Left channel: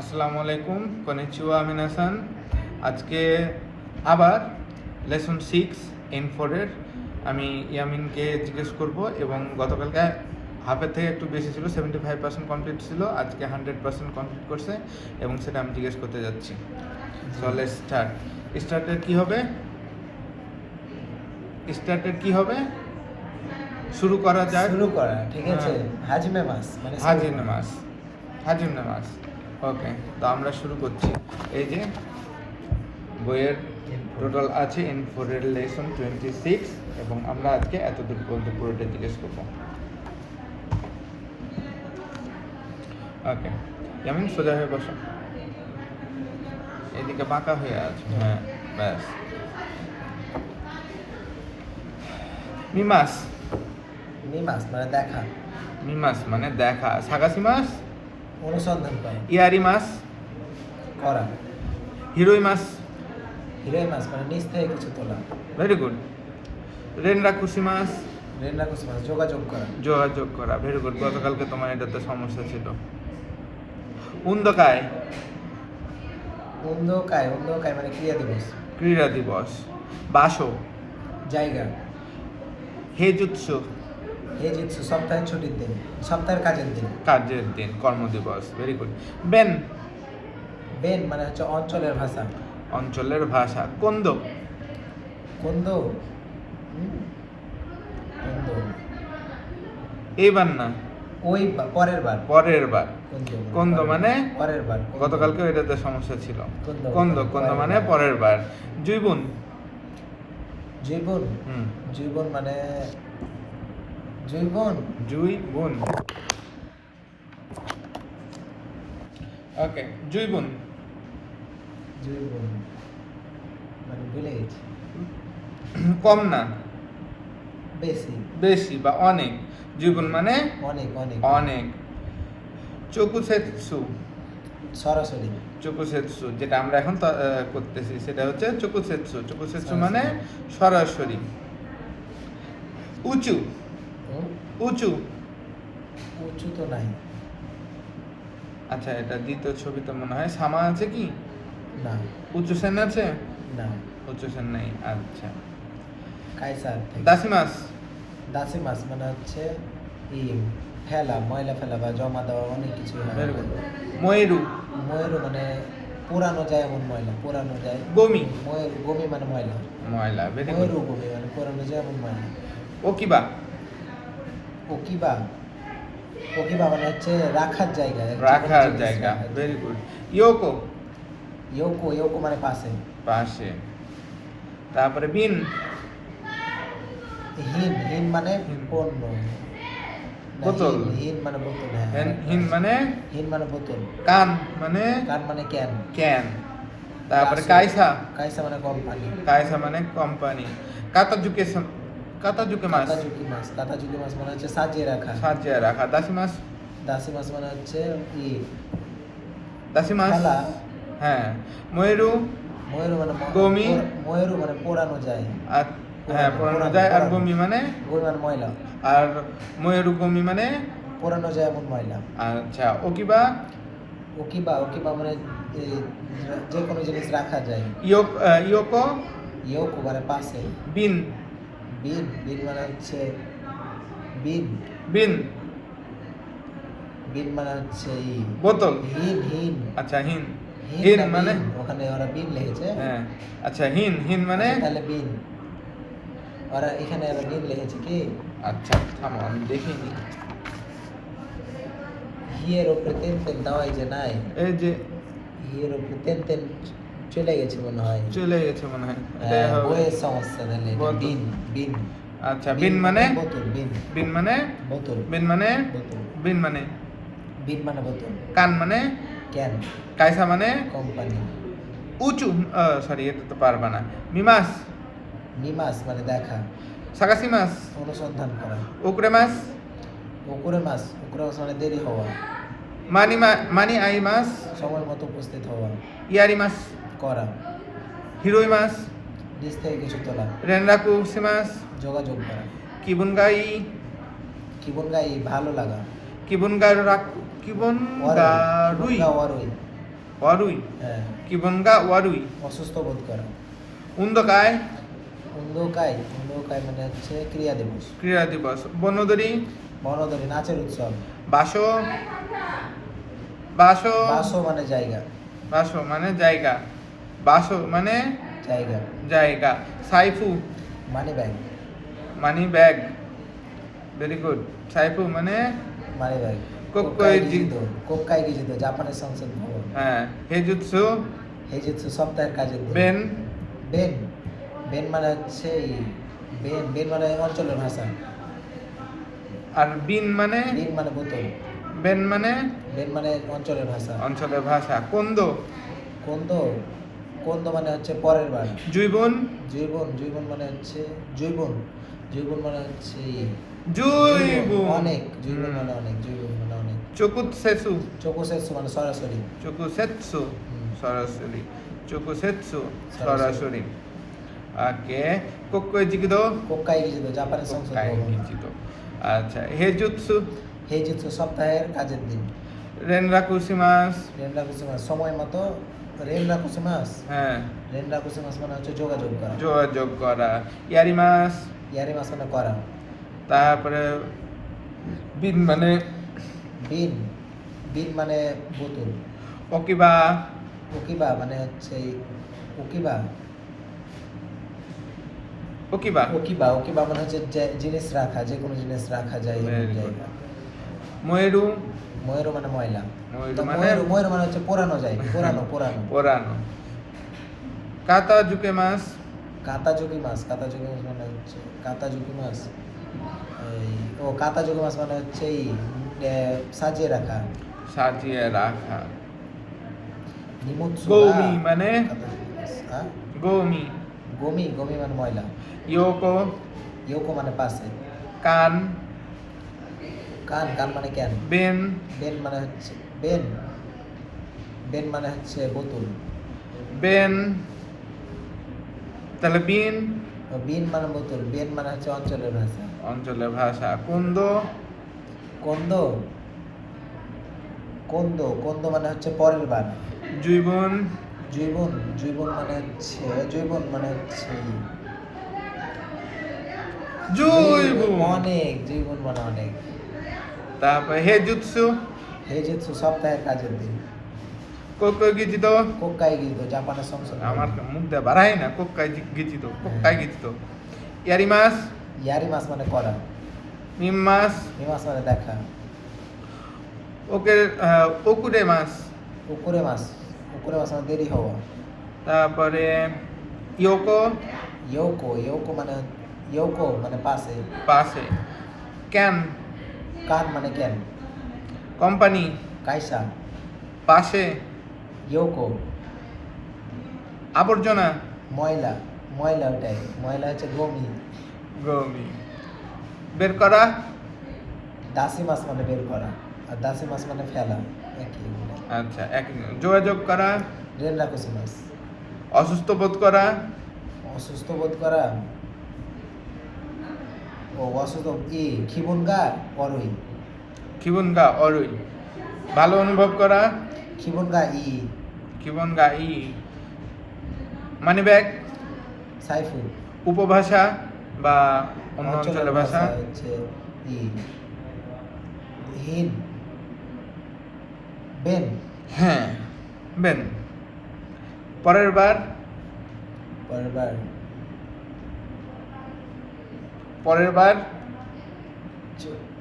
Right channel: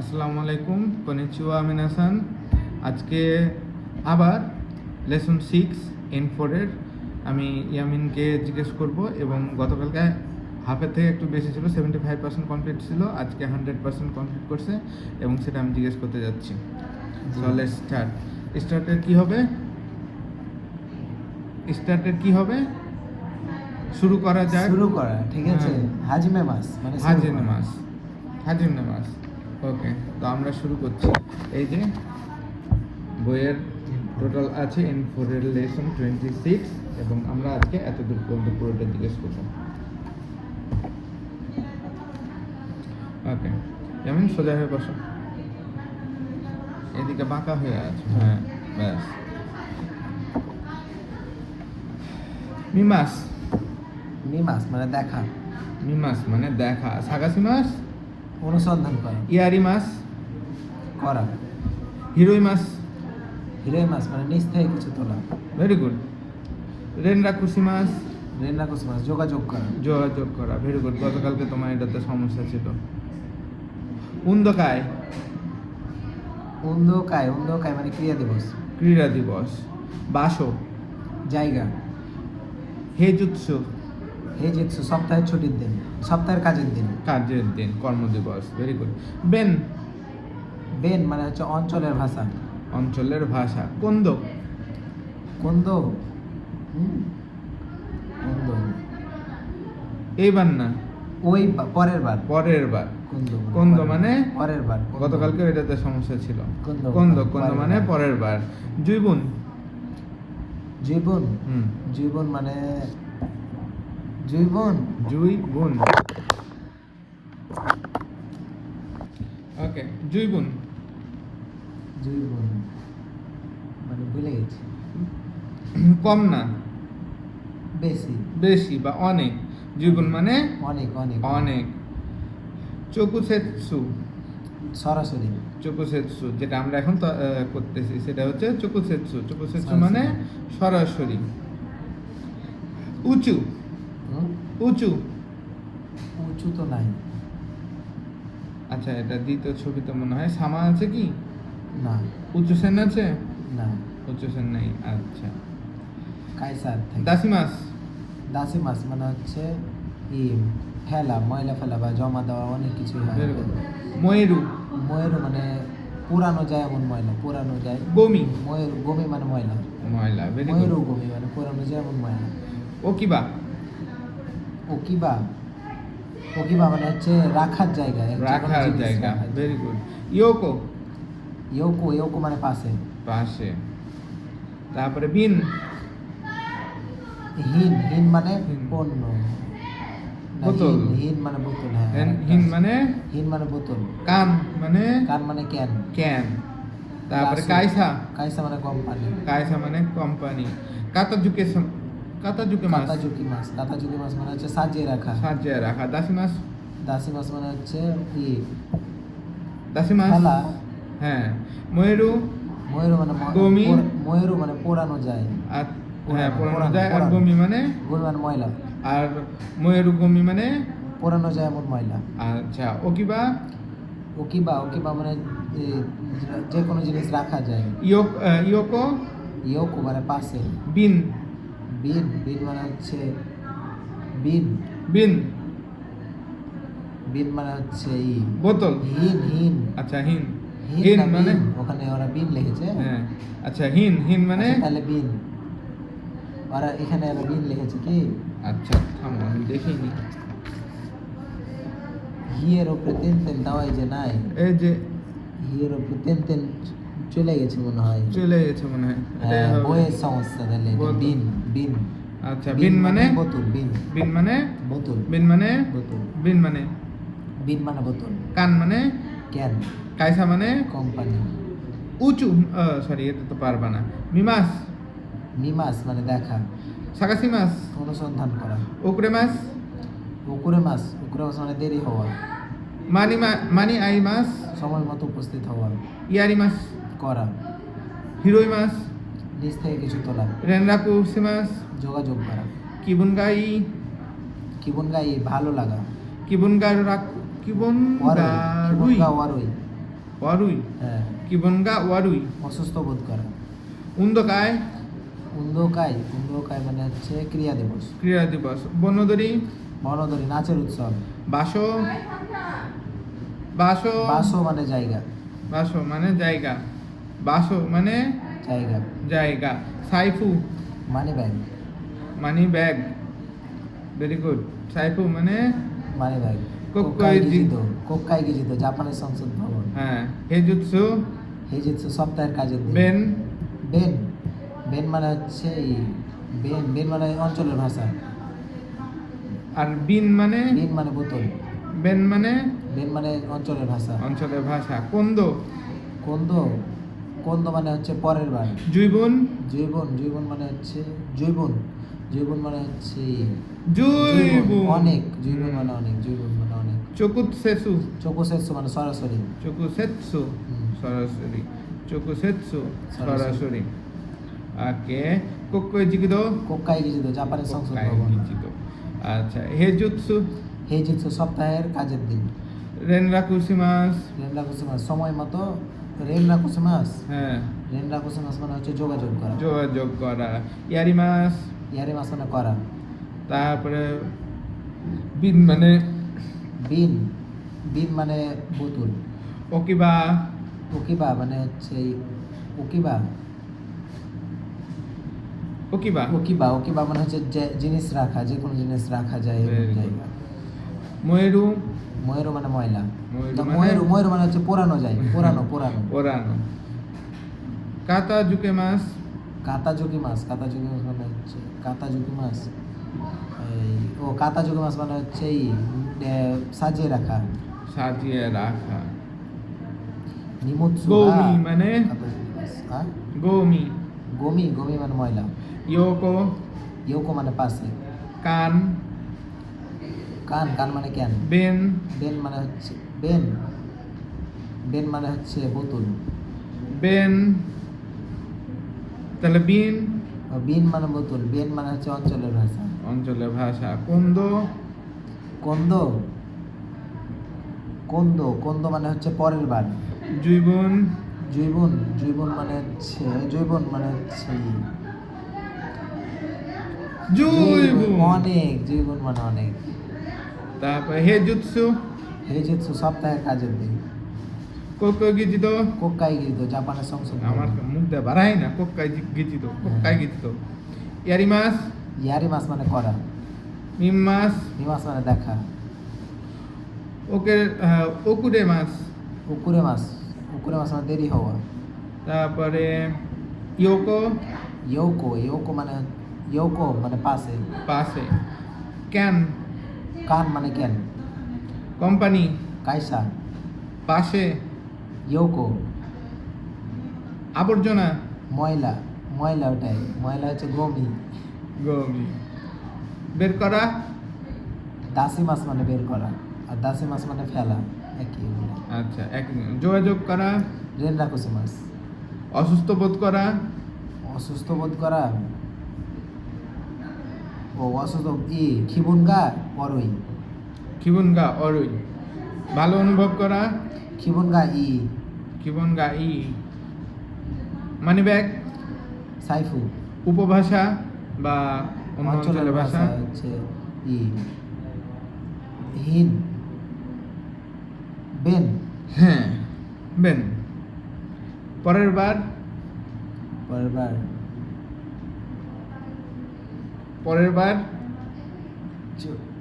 আসসালামু আলাইকুম, কনিচিওয়া, আমি হাসান। আজকে আবার লেসন 6 N4 এর আমি ইয়ামিনকে জিজ্ঞেস করব এবং গতকালকে হাফের থেকে একটু বেশি ছিল, 75% কমপ্লিট ছিল, আজকে 100% কমপ্লিট করছে এবং সেটা আমি জিজ্ঞেস করতে যাচ্ছি। তাহলে স্টার্টের কি হবে শুরু করা যায়। ঠিক আছে। হাজিমে মাস মানে হাজিম নামাজ। ওকে, তো আমরা শুরু করছি। এই যে বইয়ের টোটাল আছে N4 এর লেসন 26 এবং আমরা আজকে এতটুকু পর্যন্ত পুরোটা জিজ্ঞেস করবো। ওকে, যেমন সোজা হয়ে বসো, এইদিকে বাঁকা হয়ে আছে। হ্যাঁ, ব্যাস। মিমাস মানে দেখা, সাগাসি মাস অনুসন্ধান করা, ইয়ারি মাস করা, হিরোই মাস মানে নিচ থেকে কিছু তোলা, ভেরি গুড। রেনরাকুশি মাস যোগাযোগ করা, ভেরি গুড। গতকালকে তোমার এটাতে সমস্যা ছিল। উন্দকায় মানে ক্রীড়া দিবস। বাসো জায়গা, হেজুৎসু সপ্তাহের ছুটির দিন, সপ্তাহের কাজের দিন, কর্মদিবস। Very good. বেন মানে হচ্ছে অঞ্চলের ভাষা, কন্দ এইবার না, ওই পরের বার কন্দ মানে পরের বার, গতকালকে এটাতে সমস্যা ছিল। কন্দ মানে পরের বার। জুইবুন মানে ওকে, জুইবুন মানে ভুলে গেছি। কম না, বেশি বা অনেক। জুইবুন মানে অনেক। চকুসেৎসু সরাসরি, যেটা আমরা এখন করতেছি সেটা হচ্ছে চকুসেৎসু মানে সরাসরি। উঁচু তো নাই। আচ্ছা, এটা দ্বিতীয় ছবিতে মনে হয় সামা আছে কি না, উঁচু সেন আছে না, উঁচু সেন নেই। আচ্ছা, কাইসার থেকে। দাসি মাস মানে হচ্ছে ময়লা ফেলা বা জমা দেওয়া, অনেক কিছু হয়। ময়ূরু মানে পোড়ানো যায়, এমন ময়লা পোড়ানো যায়। গমি মানে ময়লা। গমি মানে পোড়ানো যায় এমন ময়লা। ওকিবা মানে হচ্ছে রাখার জায়গা। Very good. ইয়োকো মানে পাশে। তারপরে বিন হিন মানে পণ্য, বোতল। হিন মানে বোতল। হিন মানে বোতল। কান মানে ক্যান। তারপরে কাইসা মানে কোম্পানি। কাতাজুকে মাস মানে হচ্ছে সাজিয়ে রাখা। দাসি মাস মানে হচ্ছে খেলা। হ্যাঁ, ময়ূরু মানে গমি মানে পোড়ানো যায়। হ্যাঁ, পোড়ানো যায়। আর গমি মানে ময়লা। আর ময়ূরু গমি মানে পোড়ানো যায় এমন ময়লা। আচ্ছা, ওকিবা মানে যে কোনো জিনিস রাখা যায়। ইয়োকো মানে পাশে। বিন মানে হচ্ছে মানে হচ্ছে বোতল। হিন। আচ্ছা, হিন মানে ওখানে ওরা বিন লিখেছে। হ্যাঁ, আচ্ছা, হিন মানে তাহলে বিন, ওরা এখানে বিন লিখেছে কি? আচ্ছা, থামো আমি দেখি। হিয়ের উপরে তেন দেওয়া যে নাই, এই যে হিয়ের উপরে তেন চলে গেছে মনে হয়। বইয়ের সমস্যা। তাহলে বিন। আচ্ছা, বিন মানে বোতল। বিন মানে বোতল। বিন মানে বোতল। কান মানে ক্যান। কাইসা মানে কোম্পানি। উঁচু এটা তো পারবা না। মিমাস মানে দেখা। সাগাসি মাস অনুসন্ধান করা। ওকরে মাস মানে দেরি হওয়া। মানি আই মাস সময় মতো উপস্থিত হওয়া। ইয়ারি মাস করা। হিরোই মাস নিচ থেকে কিছু তোলা। রেনরাকুশি মাস যোগাযোগ করা। কিবুনগাই ভালো লাগা। কিবুনগারুই ওয়ারুই হ্যাঁ কিবনগা ওয়ারুই অসুস্থ বোধ করা। উন্দকায় উন্দকাই মানে হচ্ছে ক্রিয়া দিবস। ক্রীড়া দিবস বনদরি বনদরি নাচের উৎসব। বাসো বাসো বাসো মানে জায়গা। বাসো মানে জায়গা বাসো মানে জায়গা। জায়গা সাইফু money bag. Money bag very good সাইফু মানে মানি ব্যাগ। কোক্কাই কোক্কাই গিজিত জাপানের সংসদ ভবন। হ্যাঁ হেজুৎসু হেজিৎসু সপ্তাহের কাজের দিন। বেন বেন বেন মানে হচ্ছে বেন মানে অঞ্চলের ভাষা। আর বিন মানে বিন মানে বোতল। বেন মানে বেন মানে অঞ্চলের ভাষা। অঞ্চলের ভাষা কোন্দ কোন্দ মানে হচ্ছে পরের বার। জৈবন জৈবন মানে হচ্ছে জৈবন মানে হচ্ছে জৈবন অনেক। জৈবন মানে অনেক। চকুৎসেসু চোকোসেৎসু মানে সরাসরি। চকুসেৎসু হুম। সরাসরি চকুসেৎসু সরাসরি। সরাসরি ওকে কোক্কই জিকিদো কোক্কাই গিজিত জাপানের সংসদ কোক্কাই ভবন। জিকিদো আচ্ছা হেজুৎসু হেজিৎসু সপ্তাহের কাজের দিন। রেনরাকুসিমাস রেনরাকুসিমাস সময় মতো। রেনরাকুসিমাস হ্যাঁ মানে হচ্ছে যোগাযোগ করা। যোগাযোগ করা ইয়ারিমাস ইয়ারিমাস মানে করা। তারপরে বিন মানে বিন মানে বোতল। ওকিবা ওকিবা মানে হচ্ছে ওকিবা মানে হচ্ছে জিনিস রাখা, যে কোনো জিনিস রাখা যায় এমন Very good. জায়গা। ময়ূরু ময়ূর মানে ময়লা। ময়ূর না, মানে- ময়ূর মানে হচ্ছে পোড়ানো যায়। পোড়ানো পুরানো কাতা জুকে মাস কাতাজুকি মাছ মানে হচ্ছে কাতাজুকি মাছ মানে হচ্ছে সাজিয়ে রাখা। সাজিয়ে রাখা নিমুৎসু গৌমি মানে কাতাজুকি মাছ। হ্যাঁ গৌমি গমি মানে ময়লা। ইয়োকো মানে পাশে। কান কান মানে ক্যান। বেন বেন মানে হচ্ছে বোতল। বেন তাহলে বিন বিন মানে বোতল। বেন মানে হচ্ছে অঞ্চলের ভাষা। অঞ্চলের ভাষা কুন্দ কোন্দ মানে হচ্ছে পরের বার। জৈবন জৈবন মানে হচ্ছে অনেক। জৈবন মানে অনেক। তারপরে হেজুৎসু হেজিৎসু সপ্তাহের কাজের দিন। কোক্কই গিচিত কোক্কাই গিজিত জাপানের সংসদ ভবন। আমার মুখ দিয়ে বাড়াই না কোক্কাই গিচিত ইয়ারিমাস ইয়ারিমাস মানে করা। মিম্মাস মিমাস মানে দেখা। ওকুরে মাস উকুরে মাছ মানে দেরি হওয়া। তারপরে ইয়োকো ইয়োকো মানে পাশে। পাশে কান মানে ক্যান। কোম্পানি কাইসা। পাশে ইয়োকো আবর্জনা ময়লা ওটাই। ময়লা হচ্ছে গমি। বের করা দাসি মাছ মানে বের করা, আর দাসি মাছ মানে ফেলা, একই। আচ্ছা এক যোগাযোগ করা রেনরাকুসি মাছ। অসুস্থ বোধ করা অসুস্থ বোধ করা খিবুনগা অরুই। খিবুনগা অরুই ভালো অনুভব করা খিবুনগা খিবুনগা মানি ব্যাগ সাইফু। উপভাষা বা অন্য অঞ্চলের ভাষা হচ্ছে হিন। বেন হ্যাঁ বেন পরের বার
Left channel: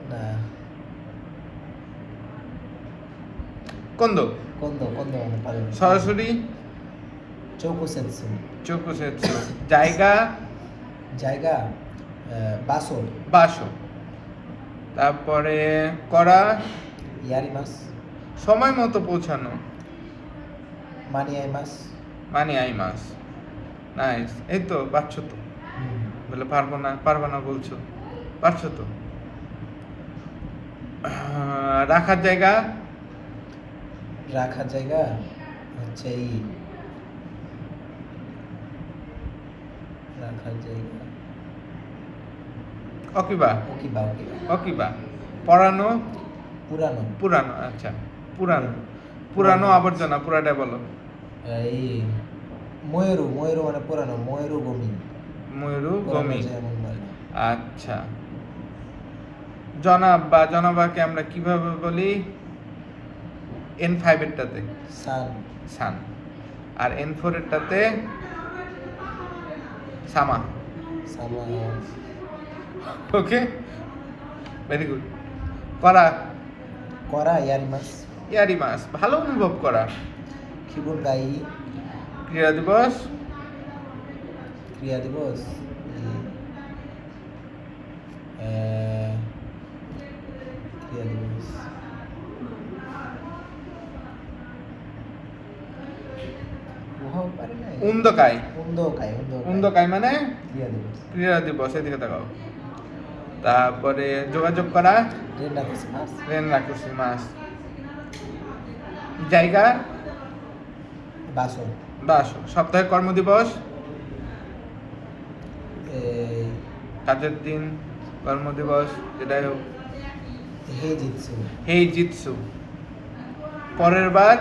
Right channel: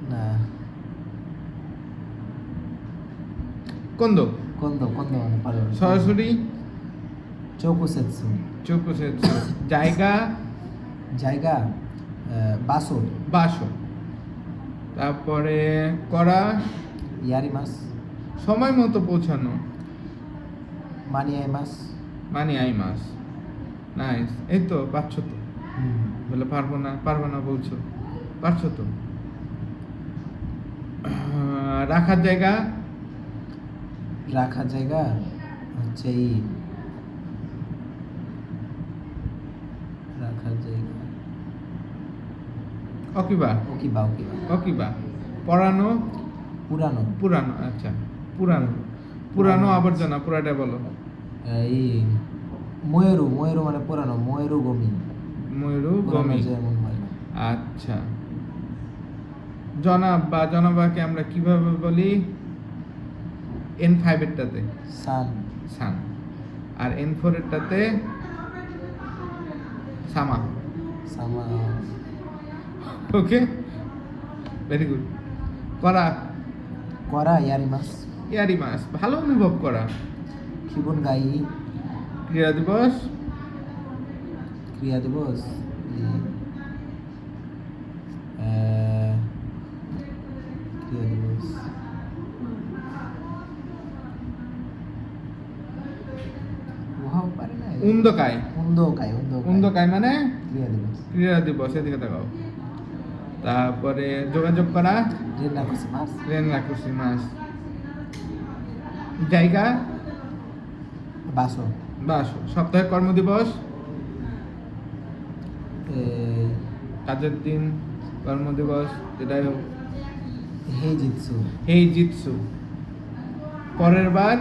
না কোন্দ মানে পরের বার। সরাসরি চৌকুসেৎসু। জায়গা বাসো। তারপরে করা ইয়ারিমাস। সময় মতো পৌঁছানো মানি আই মাস নাইস এই তো পারছো তো বলে পারবো না বলছো পারছো তো রাখার জায়গা হচ্ছে রাখার জায়গা অকিবা পড়ানো পুরানো। আচ্ছা পুরানো পুরানো আবর্জনা পুরাটা বলো। এই ময়ূরু ময়ূরু মানে পুরানো ময়ূরু গমি ময়ূরু পুরানো গমি। যেমন ময়লা আচ্ছা, জনাব বা জনাবাকে আমরা কিভাবে বলি? N5 এরটাতে সান সান, আর N4 এরটাতে সামা। সামা ওকে, ভেরি গুড। করা, করা ইয়ারিমাস ইয়ারি মাস, ভালো অনুভব করা। খিবুন গাই ক্রীড়া দিবস, ক্রিয়া দিবস ক্রিয়া দিবস ওহাও পারে না উন্দকাই। উন্দকাই উন্দকাই মানে ক্রিয়া দিবস ক্রীড়া দিবস, এদিকে তাকাও। তারপরে যোগাযোগ করা, রেন্না মাস রেন রাখুসি মাস। জায়গা, বাসো বাস। সপ্তাহে কর্মদিবস, কাজের দিন, কর্মদিবস, যেটাই হোক। হেই জিতসু হেই জিতসু, পরের বার।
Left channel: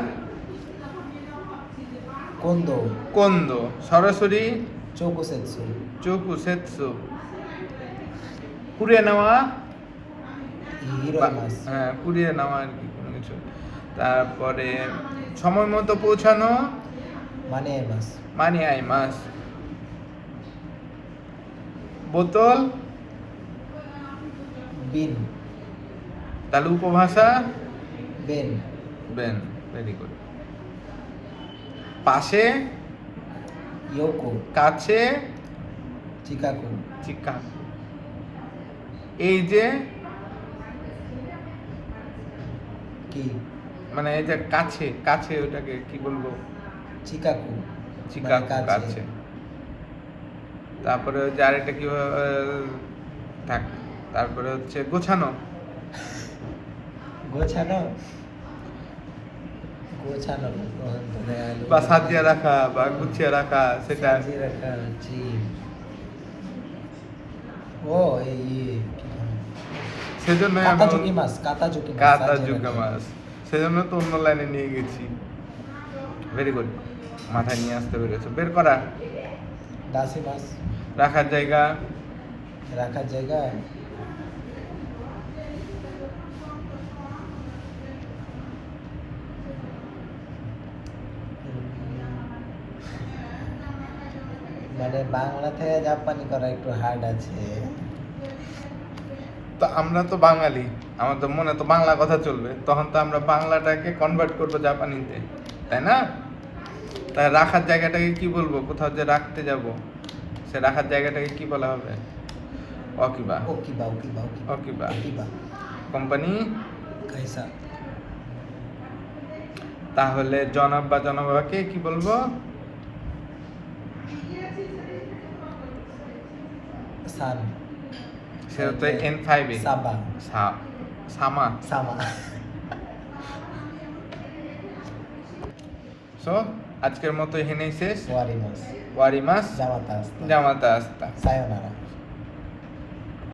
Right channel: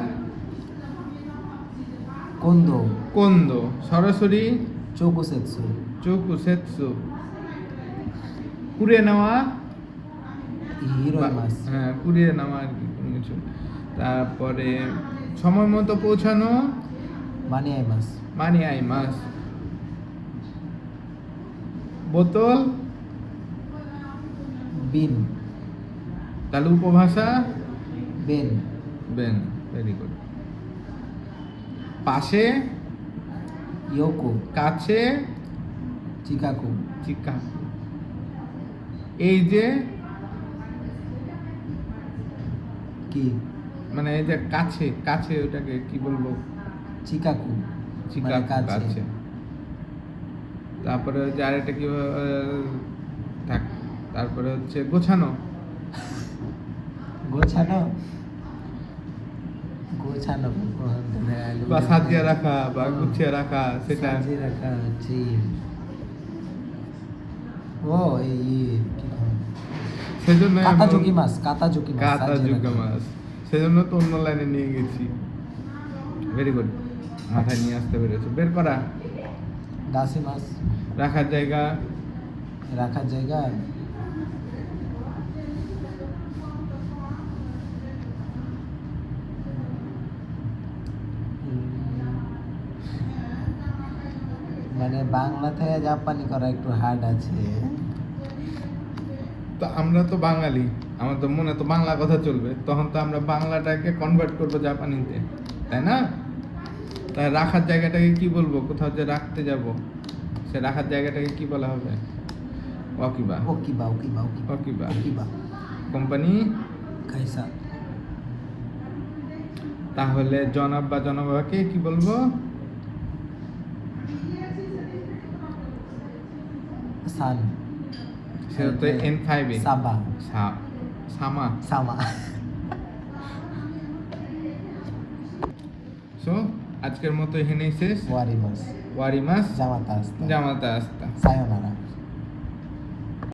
কোন্দো কোন্দো, সরাসরি চৌকুসেৎসু চোকু সেতসু, কুড়িয়ে নেওয়া। হিরোই মাস হ্যাঁ, কুড়িয়ে নেওয়া আর কি, কোনো কিছু। তারপরে সময় মতো পৌঁছানো, মানে মাস মানি আই মাস। বোতল, বিন তাহলে উপভাষা বেন বেন, ভেরি গুড। পাশে, ইয়োকো কাছে, চিকাকু চিকা। এই যে, কি মানে এই যে কাছে, কাছে ওটাকে কি বলবো? চিকাকু চিকা, মানে কাছে। কাছে। তারপরে হচ্ছে আরেকটা কি থাক, তারপরে হচ্ছে গোছানো, গোছানো গোছানো বা সাজিয়ে রাখা বা গুছিয়ে রাখা, সেটা। সাজিয়ে রাখা হচ্ছে ও এই কি সেজন্য কাতা ঝুঁকি মাছ কাতা ঝুঁকি মাছ কাতা সাজিয়ে যুগা রাখা। মাছ, সেজন্য তো অন্য লাইনে নিয়ে গেছি। ভেরি গুড, মাথায় নিয়ে আসতে পেরেছো। বের করা, দাসি মাছ রাখার জায়গা, রাখার জায়গা মানে বাংলা থেকে জাপানি করা একটু হার্ড আছে। তো আমরা তো বাঙালি, আমাদের মনে তো বাংলা কথা চলবে, তখন তো আমরা বাংলাটাকে কনভার্ট করবো জাপানিতে, তাই না? তাই রাখার জায়গাটাকে কি বলবো? কোথাও যে রাখতে যাব, সে রাখার জায়গাটাকে কি বলা হবে? অকিবা। ওকিবা ওকিবা অকিবা। ওকিবা কোম্পানি। কাইসা তাহলে জনাব বা জনাবাকে কি বলবো? সান সেটা তো N5 এ। সাবা সামা। সামা সো আজকের মতো এখানেই শেষ। ওয়ারিমাস ওয়ারিমাস জামাতা আস্তা জামাতা আস্তা। সায়োনারা